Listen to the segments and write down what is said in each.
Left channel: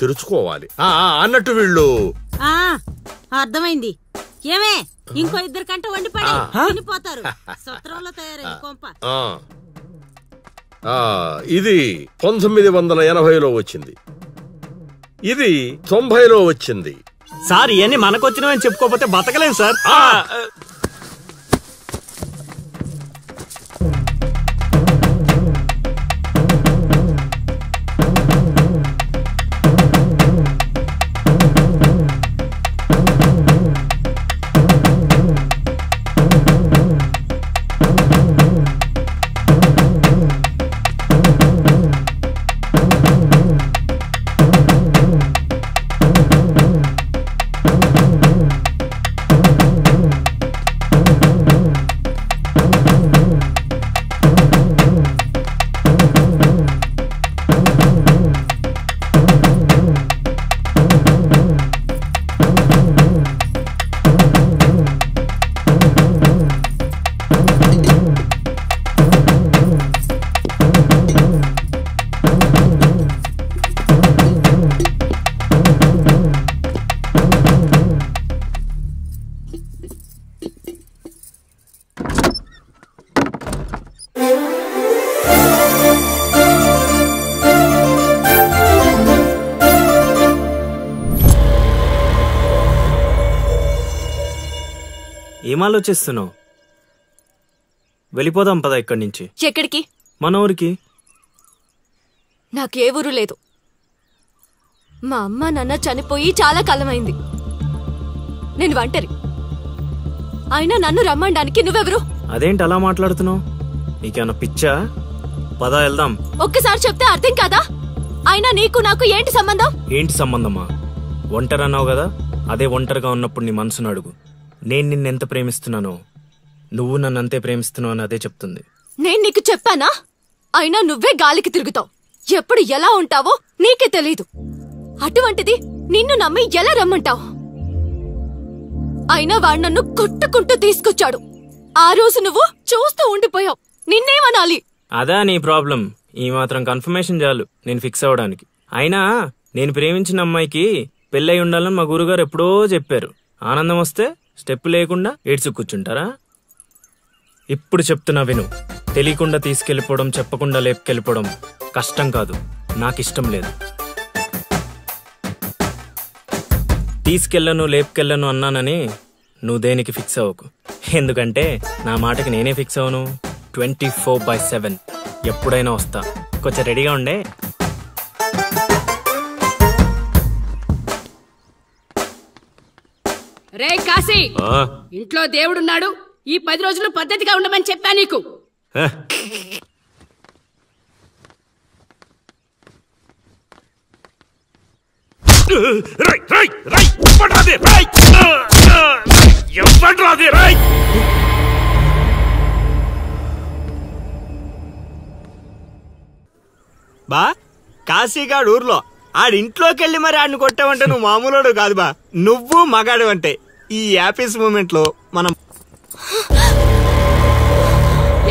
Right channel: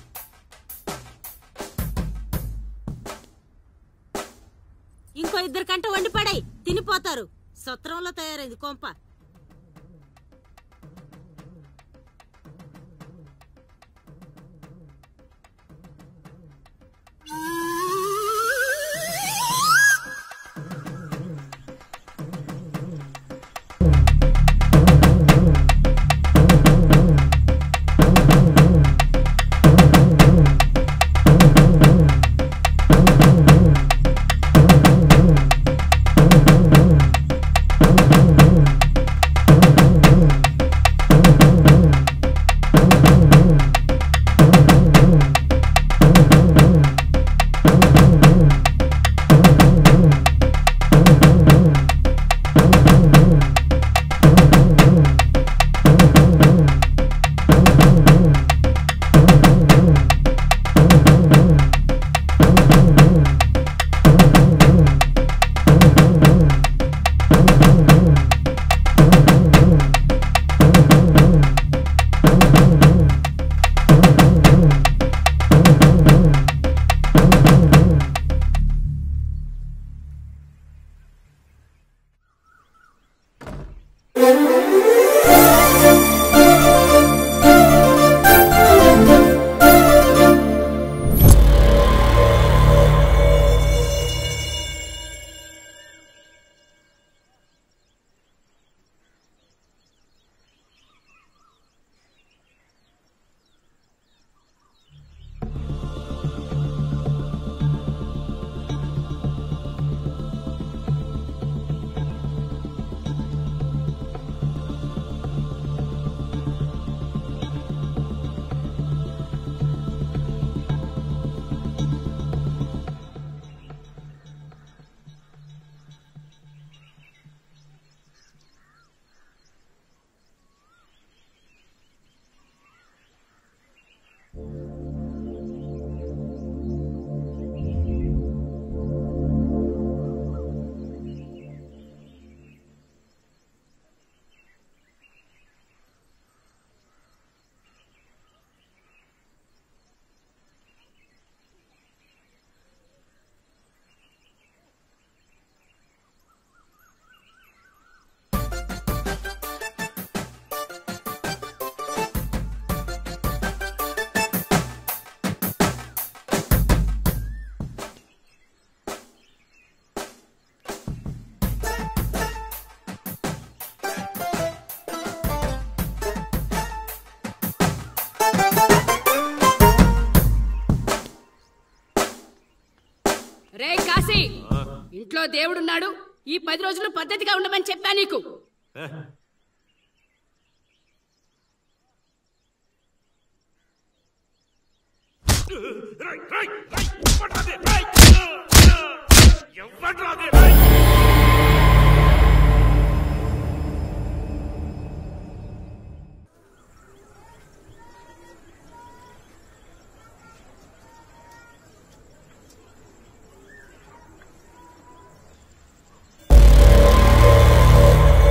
తెరుచుకోవాలి అన్నట్టు వీళ్ళు. అర్థమైంది. ఏమే ఇంకో 2 కంట వండి పడే తినిపోతారు. సత్రంలో తయారైంది కొంప. ఇది 1980లో వచ్చింది, ఇది 90లో వచ్చింది. సార్ ఇవన్నీ మనకొచ్చినవని చెప్పుకోకపోతే బతకలేం సార్. ఏం ఆలోచిస్తున్నావు? వెళ్ళిపోదాం పద ఇక్కడి నుంచి. ఎక్కడికి? మన ఊరికి. నాకే ఊరు లేదు. మా అమ్మ నాన్న చనిపోయి చాలా కాలమైంది. నేను ఒంటరి. అయినా నన్ను రమ్మడానికి నువ్వెవరు? అదేంటి అలా మాట్లాడుతున్నావు? నీకేమన్నా పిచ్చా? పద వెళ్దాం. ఒక్కసారి చెప్తే అర్థం కాదా? అయినా నీకు నాకు ఏంటి సంబంధం? ఏంటి సంబంధమా? ఒంటరి అన్నావు కదా, అదే ఒంటరిగా ఉన్నప్పుడు నీ మనసును అడుగు. నేను నిన్నెంత ప్రేమిస్తున్నానో నువ్వు నన్ను అంతే ప్రేమిస్తున్నావు అని అదే చెప్తుంది. నేను నీకు చెప్పానా? అయినా నువ్వే గాలికి తిరుగుతావు. ఎప్పుడు ఎలా ఉంటావో నీకే తెలీదు. అటువంటిది నిన్ను నమ్మి ఎలా రమ్మంటావు? అయినా వాడు నన్ను కొట్టుకుంటూ తీసుకొచ్చాడు. ఆ రోజు నువ్వు చూస్తూ ఉండిపోయావు. నిన్నేమనాలి? అదా నీ ప్రాబ్లం? ఈ మాత్రం కన్ఫర్మేషన్ చాలు నేను ఫిక్స్ అవడానికి. అయినా నేను ప్రేమించిన అమ్మాయికి పెళ్ళై ఉండాలని మా గురుగారు ఎప్పుడో చెప్పారు. ఆనందం వస్తే స్టెప్ లేకుండా ఏడ్చు కూర్చుంటారా? ఇప్పుడు చెప్తున్నా విను. తెలియకుండా తీసుకెళ్ళిపోవడం, చెప్పకుండా లేపుకెళ్ళిపోవడం కష్టం కాదు, నాకిష్టం లేదు. తీసుకెళ్ళను లేపుకెళ్ళను అన్నానని నువ్వు దేనికి ఫిక్స్ అవ్వకు. ఎందుకంటే నా మాటకి నేనే ఫిక్స్ అవను. 24/7 ఎప్పుడైనా వస్తా. కొంచెం రెడీగా ఉండే. రే కాశీ, ఇంట్లో దేవుడున్నాడు. ఈ 10 రోజులు పద్ధతిగా ఉండమని చెప్పా నీకు. బా కాశీగాడు ఊర్లో ఆడింట్లోకి వెళ్ళి మరి ఆడిని కొట్టావంటే నువ్వు మామూలుడు కాదు బా. నువ్వు మగాడు అంటే ఈ హ్యాపీస్ మూమెంట్ లో మనం.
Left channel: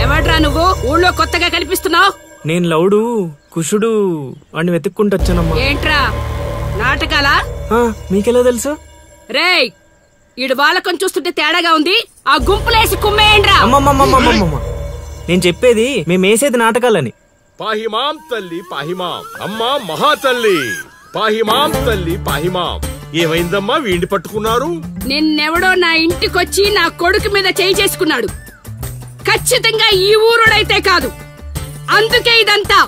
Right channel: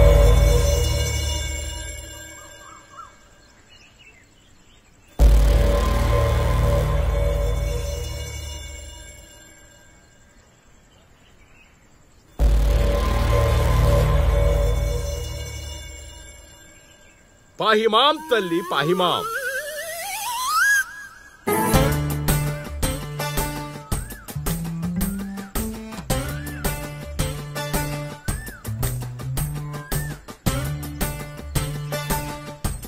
ఎవడ్రా నువ్వు? ఊళ్ళో కొత్తగా కనిపిస్తున్నావు. నేను లౌడు కుషుడు వాడిని వెతుక్కుంటూ వచ్చానమ్మా. ఏంట్రా నాటకాలా? మీకెలా తెలుసు? రేయ్, ఈడు వాళ్ళకం చూస్తుంటే తేడాగా ఉంది. ఆ గుంపులేసి కుమ్మేయండ్రా. నేను చెప్పేది మేమేసేది నాటకాలని. పాహిమాం తల్లి పాహిమాం, అమ్మా మహాతల్లి పాహిమాం తల్లి పాహిమాం. ఏమైందమ్మా వీడిని పట్టుకున్నారు? నిన్నెవడో నా ఇంటికొచ్చి నా కొడుకు మీద చేయి చేసుకున్నాడు. ఖచ్చితంగా ఈ ఊరుడైతే కాదు, అందుకే ఇదంతా.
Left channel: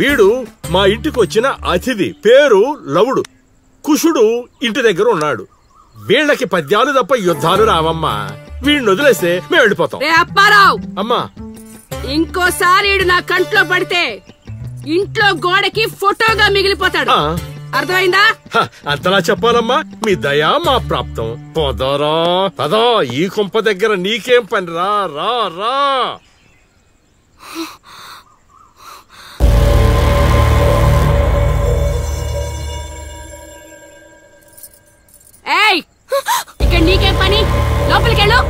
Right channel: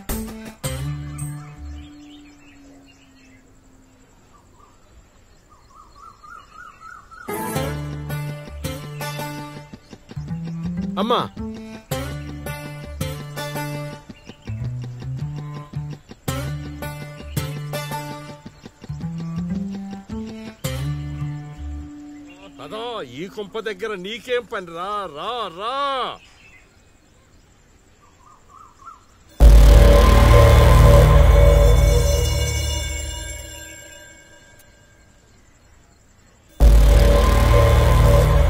వీడు మా ఇంటికి వచ్చిన అతిథి, పేరు లవుడు. కుషుడు ఇంటి దగ్గర ఉన్నాడు. వీళ్ళకి పద్యాలు తప్ప యుద్ధాలు రావమ్మా. వీడిని వదిలేస్తే మేము వెళ్ళిపోతాం. రే అప్పారావు, అమ్మా ఇంకోసారి ఈడు నా కంట్లో పడితే ఇంట్లో గోడకి ఫోటోగా మిగిలిపోతాడు. అర్థమైందా? అంతలా చెప్పాలమ్మా. మీ దయా మా ప్రాప్తం. పోదారా పదా. ఈ కుంప దగ్గర నీకేం పని? రా రా రా. ఏయ్, ఇక్కడ నీకేం పని? లోపలికెళ్ళు.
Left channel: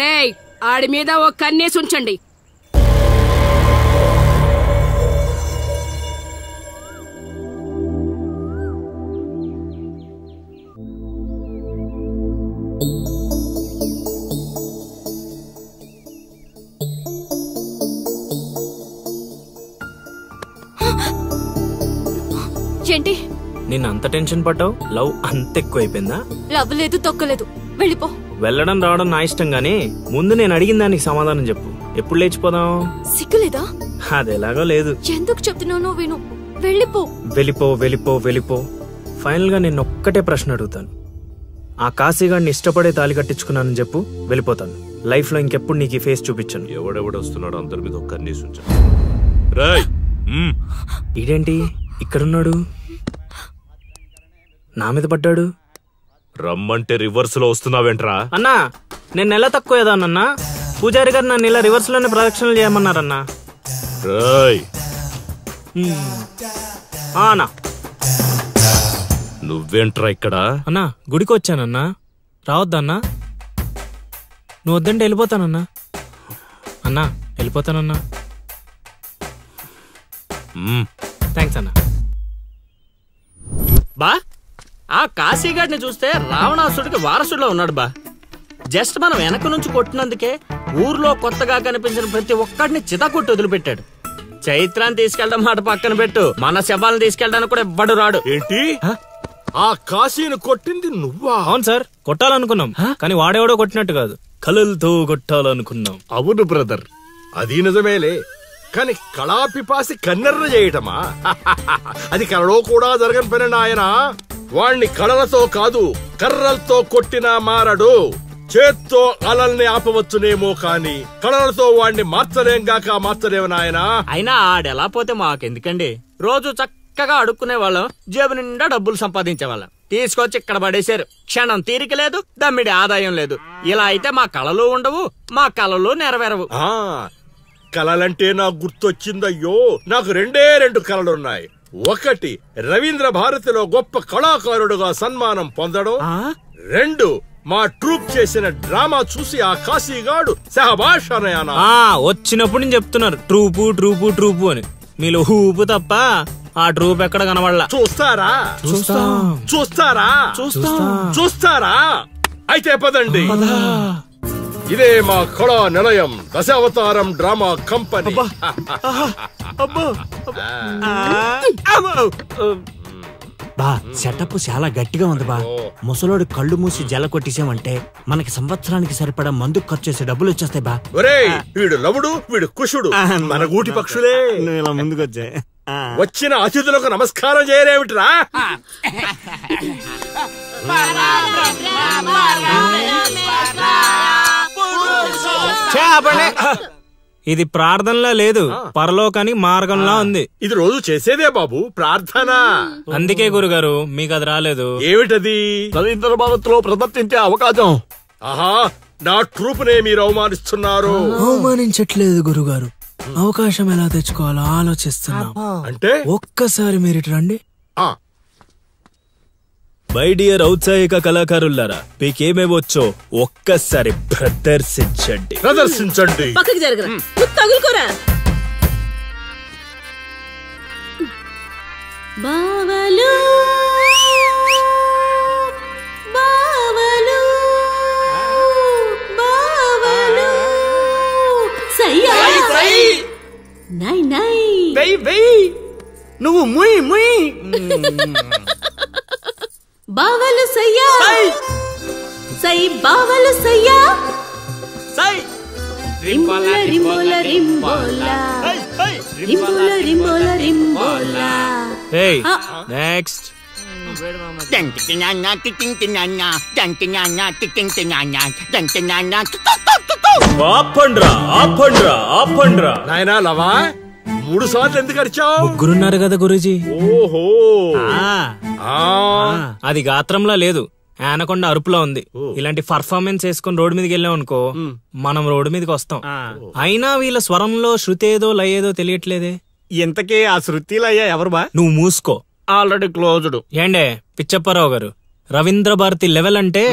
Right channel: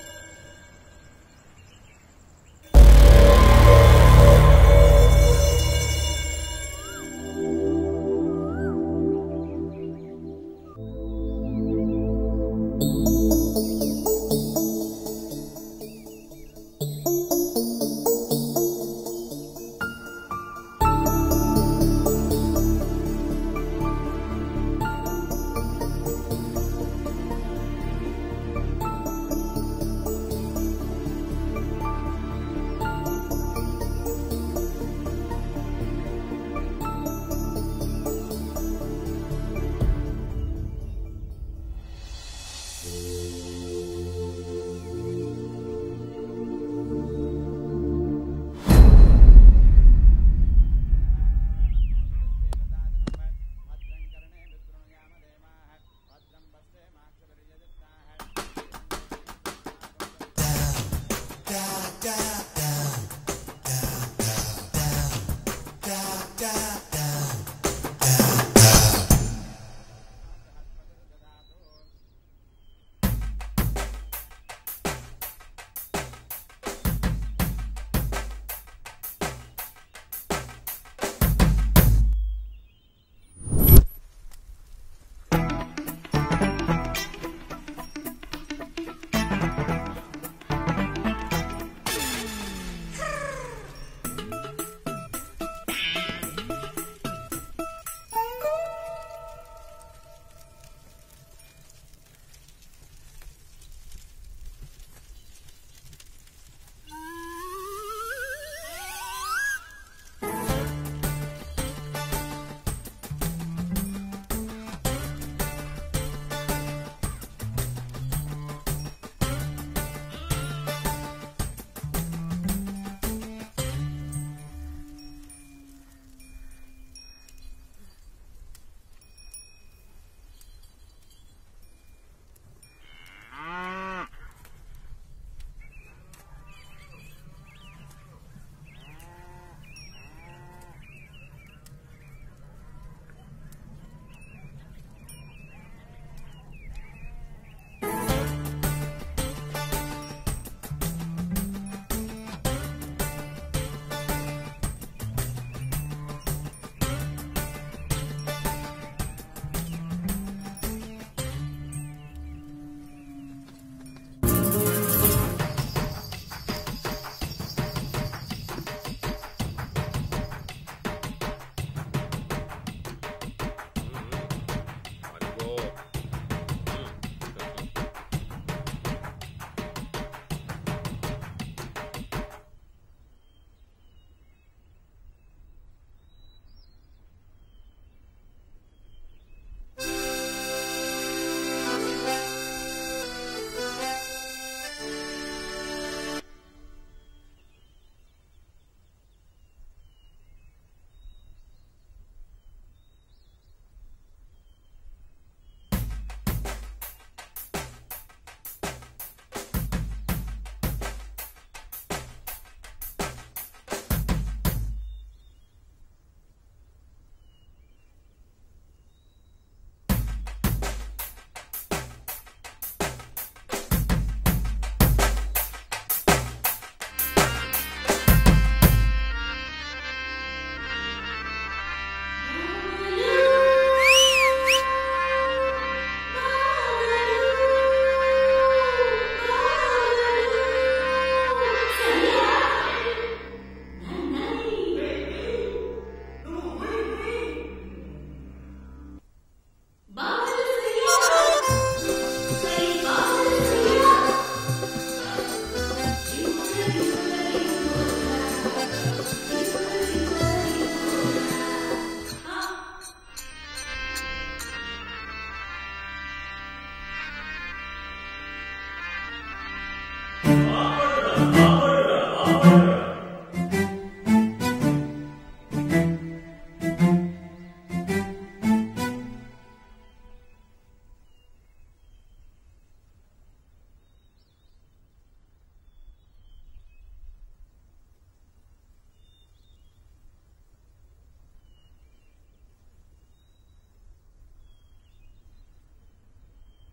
రేయ్, ఆడి మీద ఓ కన్నేసి ఉంచండి. ఏంటి? నేను అంత టెన్షన్ పడ్డావు? లవ్ అంత ఎక్కువైపోయిందా? లవ్ లేదు, తొక్కలేదు. వెళ్ళిపో. వెళ్ళడం రావడం నా ఇష్టం గానీ ముందు నేను అడిగిన దానికి సమాధానం చెప్పు. ఎప్పుడు లేచిపోదాం? సిగ్గులేదా? అది ఎలాగో లేదు. ఎందుకు చెప్తున్నానో విను. వెళ్ళిపో. వెళ్ళిపో వెళ్ళిపో వెళ్ళిపో. ఫైనల్ గా నేను ఒక్కటే ప్రశ్న అడుగుతాను. ఆ కాశీగాడిని ఇష్టపడే తాళి కట్టించుకున్నానని చెప్పు, వెళ్ళిపోతాను. లైఫ్ లో ఇంకెప్పుడు నీకు ఈ ఫేస్ చూపించను. ఎవడెవడొస్తున్నాడు అందరి మీద ఒక్క కన్నేసి ఉంచు. ఇదేంటి ఇక్కడున్నాడు? నా మీద పడ్డాడు. రమ్మంటే రివర్స్ లో వస్తున్నావేంట్రా? అన్నా నేను నెల తక్కువ ఏదానన్నా. పూజారి గారు నన్ను ఇలా రివర్స్ లోనే ప్రదక్షిణలు చేయమన్నారన్నా. అన్నా నువ్వేంట్రా ఇక్కడ? అన్నా గుడికి వచ్చానన్నా. రావద్దన్నా? నువ్వు వద్దంటే వెళ్ళిపోతానన్నా. అన్నా వెళ్ళిపోతానన్నా. థ్యాంక్స్ అన్నా. బా ఆ కాశీగాడిని చూస్తే రావణాసుడికి వారసుడిలో ఉన్నాడు బా. జస్ట్ మనం వెనక నుంచి కొట్టినందుకే ఊర్లో కొత్తగా కనిపించిన ప్రతి ఒక్కడిని చితకొట్టి వదిలిపెట్టాడు. చైత్రాన్ని తీసుకెళ్ళడం మాట పక్కన పెట్టు, మన శవాలను తీసుకెళ్ళడానికి కూడా ఎవ్వడు రాడు. ఏంటి? ఆ కాశీని కొట్టింది నువ్వా? అవును సార్, కొట్టాలనుకున్నాం కానీ వాడేవాడో కొట్టినట్టు కాదు, కలలతో కొట్టాలనుకున్నాం. అవును బ్రదర్, అది నిజమేలే. కానీ కళాపిపాసి కన్నెర్ర చేయటమా? అది కళలో కూడా జరగని పని నాయన. వాణ్ణి కళలతో కాదు కర్రలతో కొట్టినా మారడు. చేత్తో అలల్ని ఆపవచ్చునేమో కాని కళలతో వాణ్ణి మార్చలేము నాయనా. అయినా ఆడెలా పోతే మాకెందుకండి? రోజు చక్కగా అడుక్కునే వాళ్ళం, జేబు నిండా డబ్బులు సంపాదించే వాళ్ళం. తీసుకొచ్చి ఇక్కడ పడేశారు. క్షణం తీరిక లేదు, దమ్మిడి ఆదాయం లేదు. ఇలా అయితే మా కళలు ఉండవు, మా కళలు నెరవేరవు. కళలంటే నాకు గుర్తొచ్చిందయ్యో. నాకు రెండు కళలున్నాయి. ఒకటి రవీంద్ర భారతిలో గొప్ప కళాకారుడుగా సన్మానం పొందడం. 2 మా ట్రూప్ చేసిన డ్రామా చూసి ఆ కాశీగాడు సహబాష్ అనయానా. వచ్చినప్పుడు నేను చెప్తున్నారు ట్రూపు ట్రూపు ట్రూపు అని. మీలో ఊపు తప్ప ఆ ట్రూప్ ఎక్కడ కనబడలా. చూస్తారా? అయితే పదండి. ఇదే మా కళా నిలయం, దశావతారం డ్రామా కంపెనీ. బా సెటప్ చాలా గట్టిగా ఉంది బా. ముసలోడు కళ్ళు మూసి జల కొట్టేసామంటే మనకి సంవత్సరానికి సరిపడా మందు ఖర్చు చేసే డబ్బులు వచ్చేస్తాయి బా. ఒరేయ్, వీడు లవుడు, వీడు కుషుడు, మన గూటి పక్షులే. ఇలా ముందుకొచ్చా వచ్చిన అతిథులకు నమస్కారం చేయలేమిట్రా? ఇది ప్రార్థనలా లేదు, పరలోకానికి మార్గంలా ఉంది. ఇది రోజు చేసేదే బాబు ప్రార్థన. అందుకే గురుగారు మీకు అది రాలేదు. ఏమిటది? రవీంద్ర భారతిలో ప్రదర్శించే అవకాశం. ఆహా, నా ట్రూప్ నే మీరు అవమానిస్తున్నారు. అవమానించట్లేదు గురుగారు, అవకాశం ఎలా తెచ్చుకోవాలో ఆలోచిస్తున్నాం. అంటే ఒక్కసారి మీరు రండి. మై డియర్ ఔత్సాహిక కళాకారులారా, మీకేమేమొచ్చో ఒక్కసారి ప్రదర్శించండి. పక్కకి జరగరా, తగులుకోరా. బావలు బావలు బావలు సయ్యా నై నై నువ్వు ముయ్ ముయ్. బావలు సయ్యా సై బావలు సయ్యా సై రింబోల రింబోల రింబోల రింబోల రింబోల రింబోల. Hey, next. నాయనా లవా, 3 సార్లు ఎందుకు అరిచావు? ముగ్గురున్నారు కదా గురూజీ. ఓహో, అది గాత్రంలా లేదు, ఆనకొండ అరుపులా ఉంది. ఇలాంటి పర్ఫార్మెన్స్ వేసుకుని రోడ్డు మీదకి వెళ్ళాం అనుకో, మనం రోడ్డు మీదకి వస్తాం. అయినా వీళ్ళ స్వరంలో శృతి ఏదో లయ ఏదో తెలియట్లేదే. ఇంతకీ ఆ శృతిలో అయ్యా ఎవరు బా? నువ్వు మూసుకో, ఆల్రెడీ క్లోజ్డ్. ఏండే పిచ్చప్పారావు గారు, రవీంద్ర భారతి లెవెల్ అంటే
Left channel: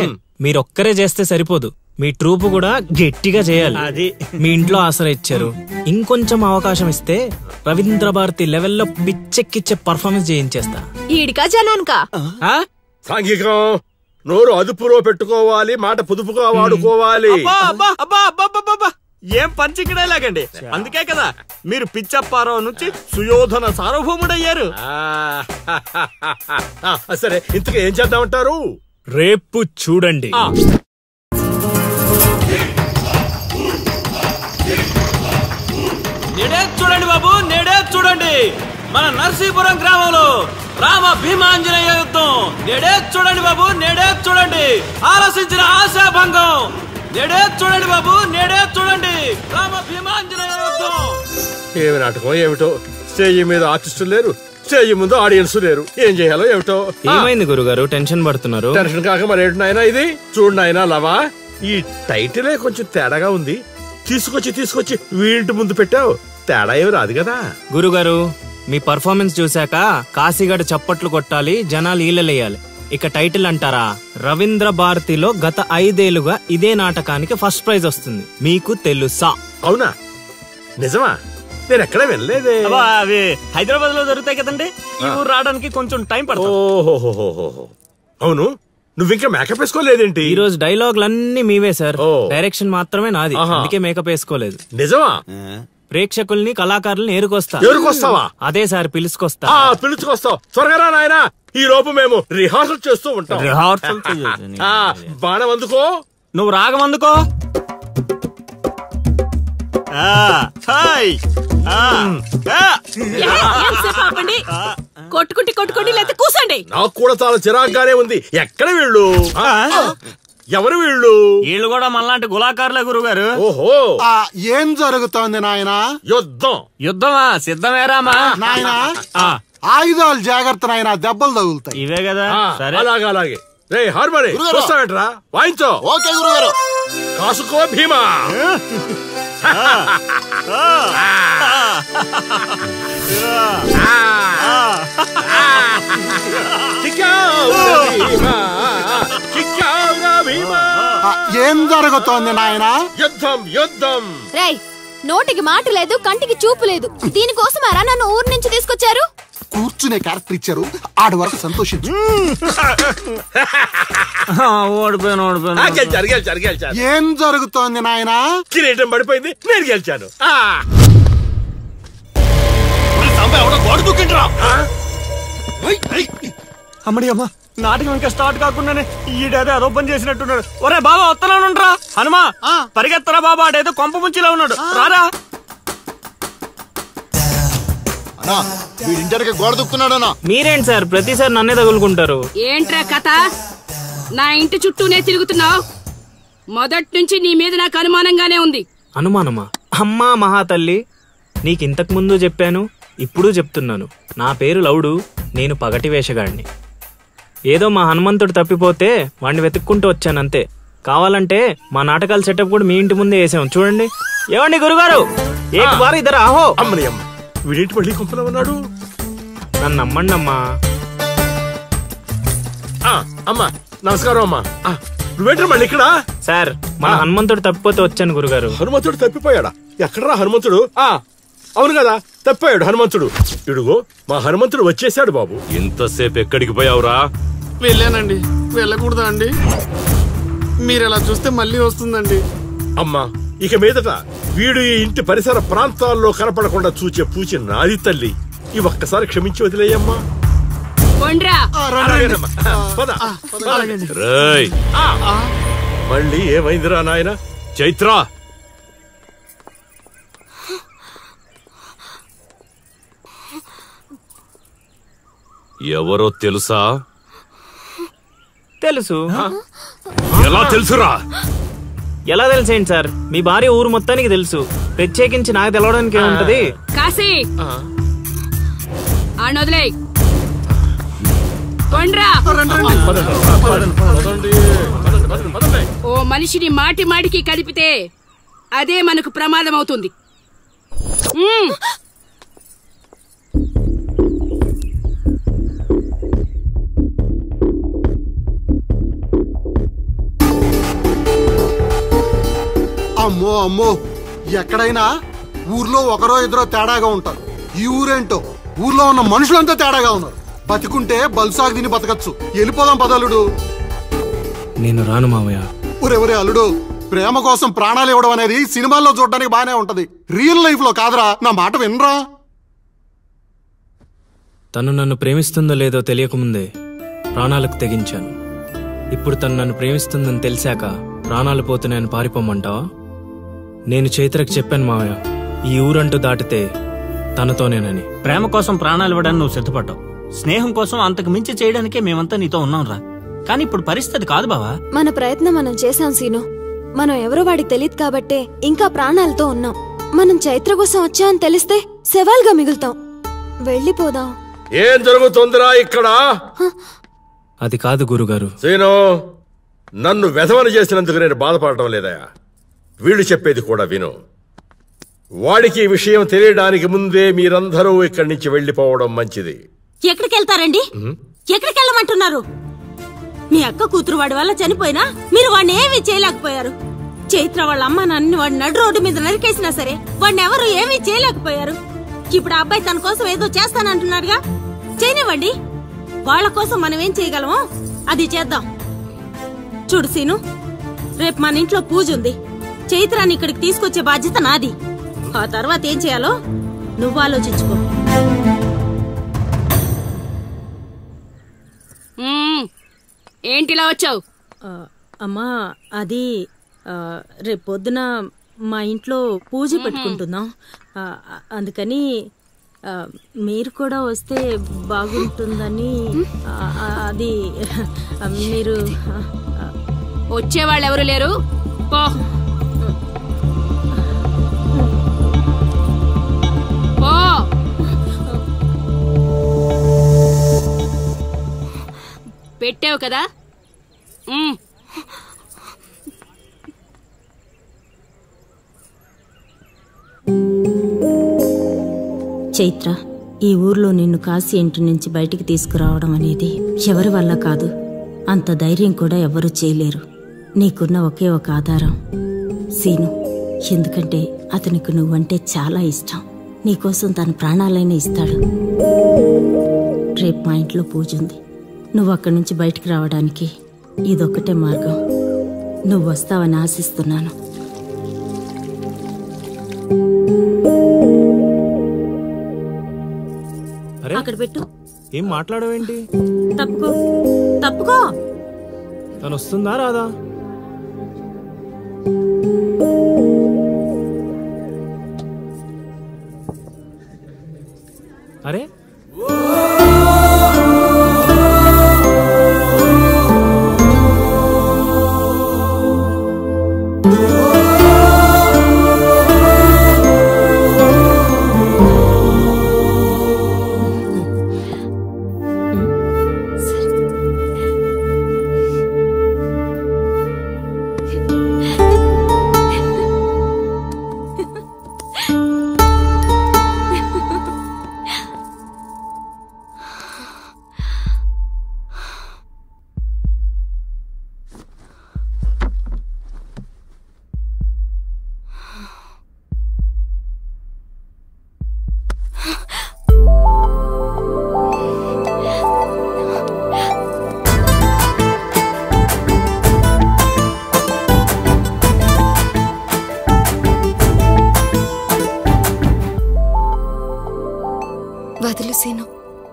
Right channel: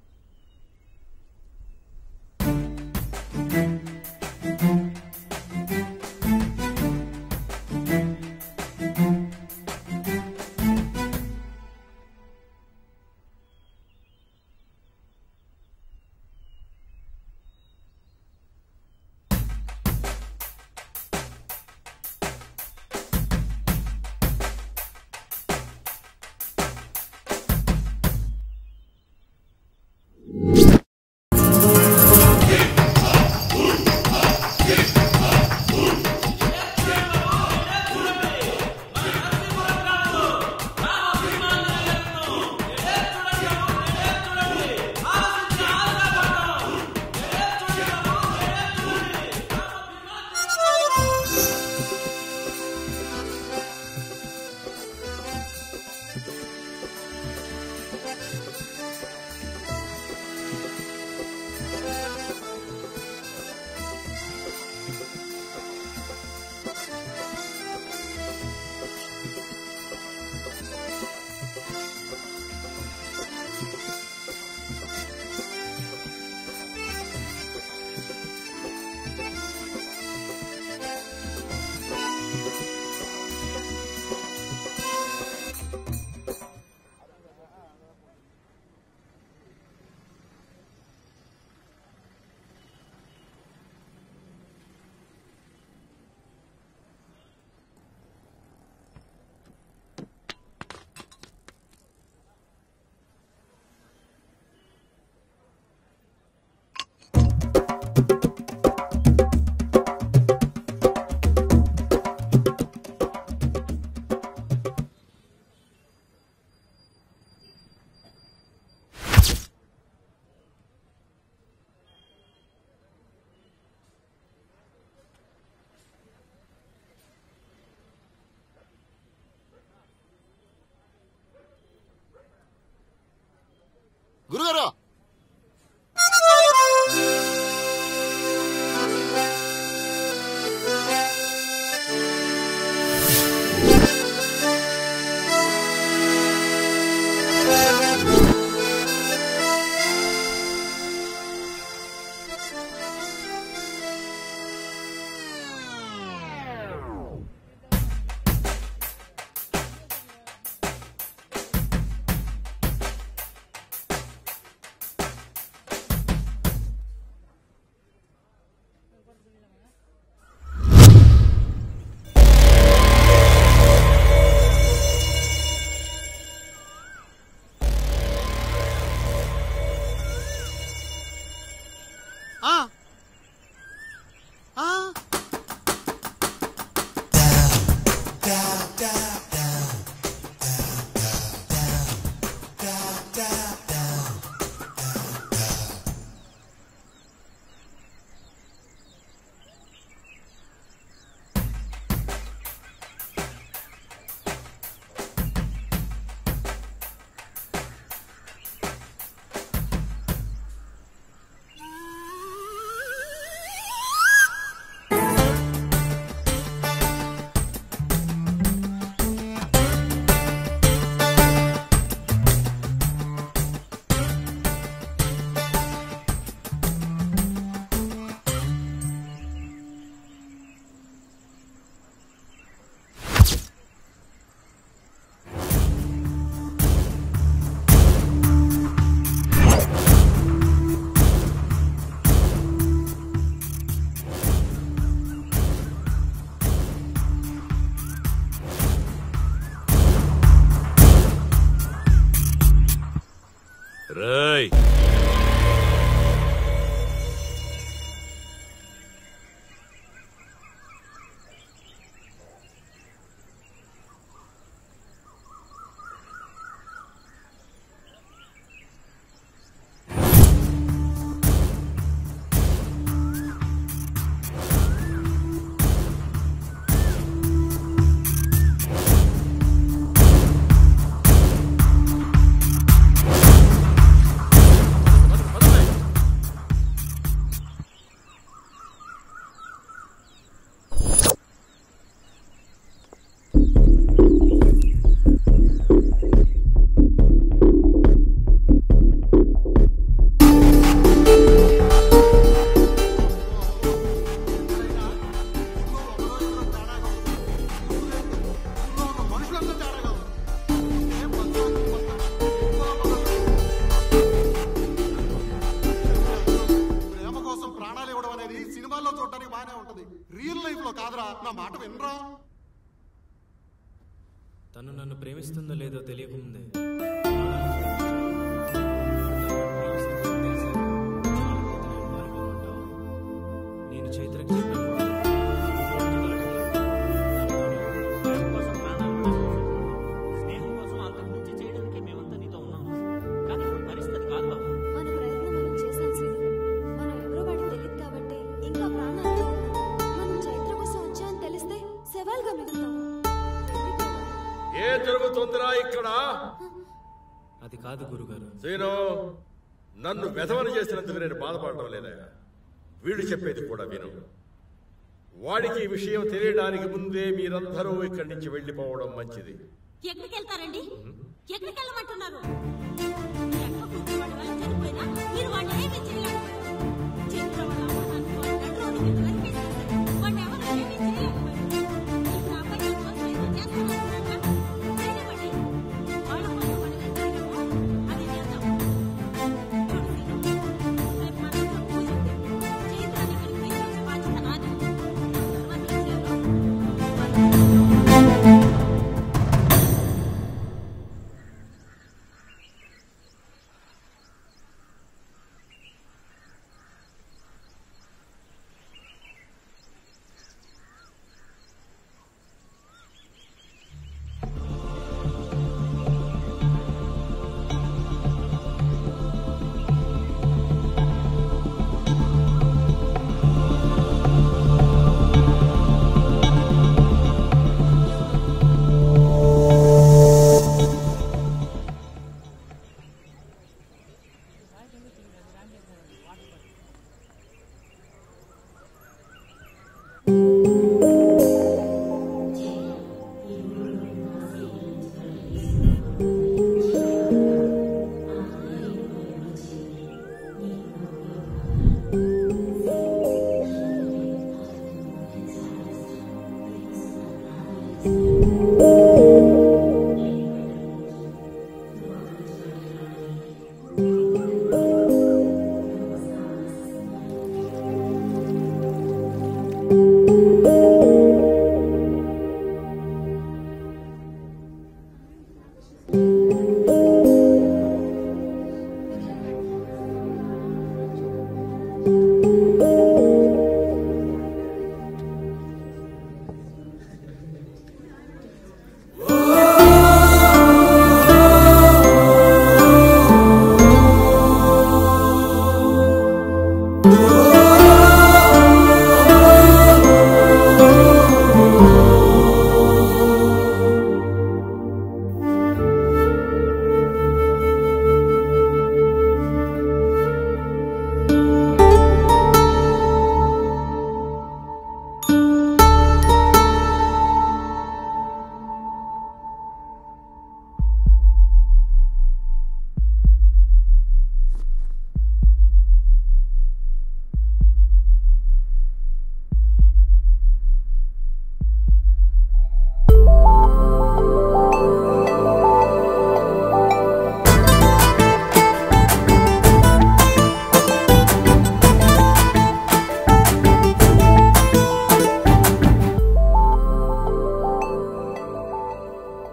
మీరొక్కరే చేస్తే సరిపోదు, మీ ట్రూప్ కూడా గట్టిగా చేయాలి. అది మీ ఇంట్లో ఆసరా ఇచ్చారు, ఇంకొంచెం అవకాశం ఇస్తే రవీంద్ర భారతి లెవెల్లో పిచ్చెక్కిచ్చే పర్ఫార్మెన్స్ చేయించేస్తా. ఈడికా జనానికా? సాంఘికం, నోరు అదుపులో పెట్టుకోవాలి, మాట పొదుపుగా వాడుకోవాలి. ఏం పంచికడే లాగండి. అందుకే కదా మీరు పిచ్చప్పారావు నుంచి సుయోధన సార్వభౌముడయ్యారు. సరే ఇంతకీ ఏం చేద్దామంటారు? రేపు చూడండి. నేడే చూడండి బాబు, నేడే చూడండి. మన నర్సీపురం గ్రామంలో రామ భీమాంజనేయ యుద్ధం. నేడే చూడండి బాబు, నేడే చూడండి. ఆలోచించిన ఆశాభంగం. నేడే చూడండి బాబు, నేడే చూడండి. రామ భీమాంజనేయ యుద్ధం. ఏమి నాటకం ఏమిటో, స్టేజ్ మీద ఆర్టిస్టులు లేరు, స్టేజ్ ముందు ఆడియన్స్ లేరు. ఏం చేయాలో ఏమిటో. ఏమైంది గురుగారు, టెన్షన్ పడుతున్నారు? టెన్షన్ కాక మరేంటి నాయనా ఇది? చూడు నాయనా లవా, ఈ టైటిలే కొంచెం తేడాగా ఉంది. తీసుకొచ్చి వీంటి ముందు పెట్టావు. తేడా ఏమి రాదు కదా. గురుగారు, మీ పర్ఫార్మెన్స్ చూశాక కాశీగఢ్ చప్పట్లు కొట్టాలి, జనాలు ఈలలేయాలి. ఇక టైటిల్ అంటారా? రవీంద్ర భారతిలో గత 5 ఏళ్లుగా ఇదే నాటకానికి ఫస్ట్ ప్రైజ్ వస్తుంది. మీకు తెలుసా? అవునా? నిజమా? నేను ఎక్కడ వెళ్ళలేదే. అవి హైదరాబాద్ లో దొరుకుతాయి కదండి. ఈ ఊరు రావడానికి కొంచెం టైం పడుతుంది. ఓహో, అవును. నువ్వింకా మేకప్ వేసుకోలేదేంటి? ఈ రోజు డైలాగులన్నీ మీవే సార్, డైరెక్షన్ మాత్రమే నాది. అందుకే మేకప్ వేసుకోలేదు. నిజమా? ప్రేక్షకుల్ని కళాకారుల్ని ఏరుకొస్తావా? అదే సార్, పిలుచుకొస్తా. పిలుచుకొస్తావు. త్వరగా రా నాయనా, ఈ లోపు మేము రిహార్సల్ చేస్తూ ఉంటాం. రిహార్సల్ బాణం అందుకో. నువ్వు రాగం అందుకో. కొట్టుకుంటే లేకపోతే కూసండి. నాకు కూడా చాలా చిరాగ్గానే ఉంది. ఎక్కడ వీళ్ళు? ఎవరు వీళ్ళు? వీళ్ళు కూడా మనలాంటి గులాకారులే గురుగారు. ఓహో, ఏం జరుగుతోంది నాయనా? యుద్ధమా? సిద్ధమేరామా నాయనా? ఆయుధాలు జాగ్రత్త నాయనా, దెబ్బలు తగులుతాయి. ఇవే కదా. సరే, అలాగే. రే హార్మోని వస్తావేంట్రా? వాయించో. ఓకే గురుగారు. కాసుకో భీమా. ఏం జరుగుతోంది నాయనా? యుద్ధం. రేయ్, నోటికి మాట లేదు, కంటికి చూపు లేదు. దీనికోసమారా నన్ను ఊరు నుంచి తీసుకొచ్చారు? కూర్చునే క్యారెక్టర్ ఇచ్చారు, ఆడి వరకు సంతోషించు. గెలిచారు. ఏం జరుగుతోంది నాయనా? కిరీటం పడిపోయింది, నేను గెలిచాను. అమ్మడి అమ్మ, నాటకం ఇంకా స్టార్ట్ కాకుండానే ఈడేదో అదోపం చేసినట్టున్నాడు. ఒరే బాబా, వస్తున్నానుండ్రా. హనుమా, పరిగెత్తరా బాబా, ఆడేదో కొంప ముంచిలా ఉన్నాడు. రారా. ఇంటర్కి గోడ దుక్కున్నాడనా? మీరేంటి సార్ ప్రతిసారి నన్నే తగులుకుంటారు? ఏంట్రా కథ? నా ఇంటి చుట్టూనే తిరుగుతున్నావు. మొదటి నుంచి నీ మీద నాకు అనుమానంగానే ఉంది. అనుమానమా? అమ్మా మహాతల్లి, నీకింతకు ముందు చెప్పాను, ఇప్పుడు చెప్తున్నాను. నా పేరు లవుడు, నేను పగటి వేషగాడిని. ఏదో మా హనుమంతుడు తప్పిపోతే వాడిని వెతుక్కుంటూ వచ్చానంతే. కావాలంటే మా నాటకాల సెటప్ కూడా మీ ఇంటి ముందే వేసాం, చూడండి. ఏమండి గురుగారు, ఏక్ బార్ ఇద్దరు ఆహో. వీడింటి మళ్ళీ కుప్పలో ఉన్నాడు. నన్ను నమ్మండి అమ్మా. అమ్మా నమస్కారం. అమ్మా నువ్వేంటి మళ్ళీ ఇక్కడ? సార్, మన హనుమంతుడు తప్పిపోతే వచ్చాను గురుగారు. హనుమంతుడు తప్పిపోయాడా? ఎక్కడరా హనుమంతుడు? అవును కదా, తప్పిపోయాడు హనుమంతుడు. ఇడుగో మా హనుమంతుడు వచ్చేసాడు. బాబు, ఇంతసేపు ఎక్కడికి పోయావురా? వెళ్ళానండి. వెళ్ళకూడదా అండి? మీరు ఎలా చూస్తే మళ్ళీ వస్తుందండి. అమ్మా, ఇక మీదట వీడు ఈ ఇంటి పరిసర ప్రాంతాల్లో కనపడకుండా చూచే పూచి నాది తల్లి. ఈ ఒక్కసారి క్షమించి వదిలేయమ్మా. మళ్ళీ ఏమైందిరా నాయన? చైత్ర, ఎవరో తెలుసా? తెలుసు. ఎలా తెలుసురా? ఎలా తెలిసేంటి సార్, మీ భార్య ఊరు మొత్తానికి తెలుసు. ప్రత్యేకించి నాకు తెలవడానికి ఏముంటది? కాశీ, వదిలే. ఓ మనిషిని మాటి మాటికి కదిపితే అదే మనకు ప్రమాదం అవుతుంది. అమ్మో, ఎక్కడైనా ఊర్లో ఒకరో ఇద్దరో తేడాగా ఉంటారు. ఈ ఊరేంటో ఊర్లో ఉన్న మనుషులంతా తేడాగా ఉన్నారు. బతికుంటే బల్సాగు తిని బతకచ్చు. వెళ్ళిపోదాం పదలుడు. నేను రాను మావయ్య. ఒరే అల్లుడు, ప్రేమ కోసం ప్రాణాలు ఇవ్వడం అనేది సినిమాల్లో చూడడానికి బానే ఉంటది, రియల్ లైఫ్ లో కాదురా. నా మాట వినరా? తను నన్ను ప్రేమిస్తుందో లేదో తెలియకముందే ప్రాణాలకు తెగించాను. ఇప్పుడు తను నన్ను ప్రేమిస్తుందని తెలిసాక ప్రాణాలు పోతున్నాయని పారిపోమంటావా? నేను చైత్రకు చెప్పాను మావయ్య, ఈ ఊరంటూ దాటితే తనతోనేనని. ప్రేమ కోసం ప్రాణాలు ఇవ్వడానికి నువ్వు సిద్ధపడ్డావు, స్నేహం కోసం అంతకు మించి చేయడానికే మేమంతా నీతో ఉన్నాం రా. కానీ ఇప్పుడు పరిస్థితి కాదు బావా. మన ప్రయత్నం మనం చేశాం సీను. మనం ఎవరో వాడికి తెలియదు కాబట్టే ఇంకా ప్రాణాలతో ఉన్నాం. మనం చైత్ర కోసం వచ్చామని తెలిస్తే శవాల్గా మిగులుతాం. వెళ్ళిపోదాం. ఏం జరుగుతుందిరా ఇక్కడ? అది కాదు గురుగారు. సీను, నన్ను వెధవని చేసినందుకు నేను బాధపడటం లేదా? వీళ్ళు చెప్పేది కూడా విను. వాడికి ఈ విషయం తెలియడానికి ముందే మీరందరూ ఇక్కడి నుంచి వెళ్ళిపోవడం మంచిది. ఎక్కడికి వెళ్తారండి? ఎక్కడికి వెళ్ళమంటున్నారు? మీ అక్క కూతురు వాడి వల్ల చనిపోయినా మీరు వాడిని ఏమీ చేయలేకపోయారు. చైత్ర వాళ్ళ అమ్మ నాన్న వాడిని నడు రోడ్డు మీద నరికేసినా సరే వాడిని ఎవరు ఏమీ చేయలేకపోయారు. ఇప్పుడు ఆ అబ్బాయి తన కోసం ఏదో చేస్తానంటున్నాడుగా, చేయనివ్వండి. వాళ్ళ కోసం మనం ఏం చేయగలమో అది చేద్దాం. చూడు సీను, రేపు మన ఇంట్లో పూజ ఉంది. చైత్రాన్ని ఇక్కడికి తీసుకొచ్చే బాధ్యత నాది. ఆ తర్వాత ఏం చేయాలో నువ్వు ఆలోచించుకో. ఏంటిలా వచ్చావు? అమ్మా, అది రేపు పొద్దున మా ఇంట్లో పూజ పెట్టుకుంటున్నాం. అందుకని మీరు కూడా వస్తే బాగుంటుందని. అది మీరు వచ్చేవాళ్ళు ఎవరు లేరు. పో పెట్టావు కదా. చైత్ర, ఈ ఊర్లో నిన్ను కాశీ ఇంటి నుంచి బయటికి తీసుకురావడం అనేది ఎవరి వల్ల కాదు. అంత ధైర్యం కూడా ఎవరూ చేయలేరు. నీకున్న ఒకే ఒక ఆధారం సీను. ఎందుకంటే అతనికి నువ్వంటే చాలా ఇష్టం. నీకోసం తన ప్రాణాలైనా ఇస్తాడు. రేపు మా ఇంట్లో పూజ ఉంది. నువ్వు అక్కడి నుంచి బయటికి రావడానికి ఇదొక్కటే మార్గం. నువ్వు వస్తావని ఆశిస్తున్నాను. అక్కడ పెట్టు. ఏం మాట్లాడవేంటి? తప్పుకో తప్పుకో. తను వస్తుందా రాదా? అరే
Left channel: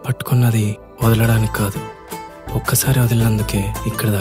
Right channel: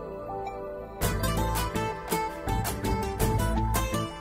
పట్టుకున్నది వదలడానికి కాదు, ఒక్కసారి వదిలినందుకే ఇక్కడ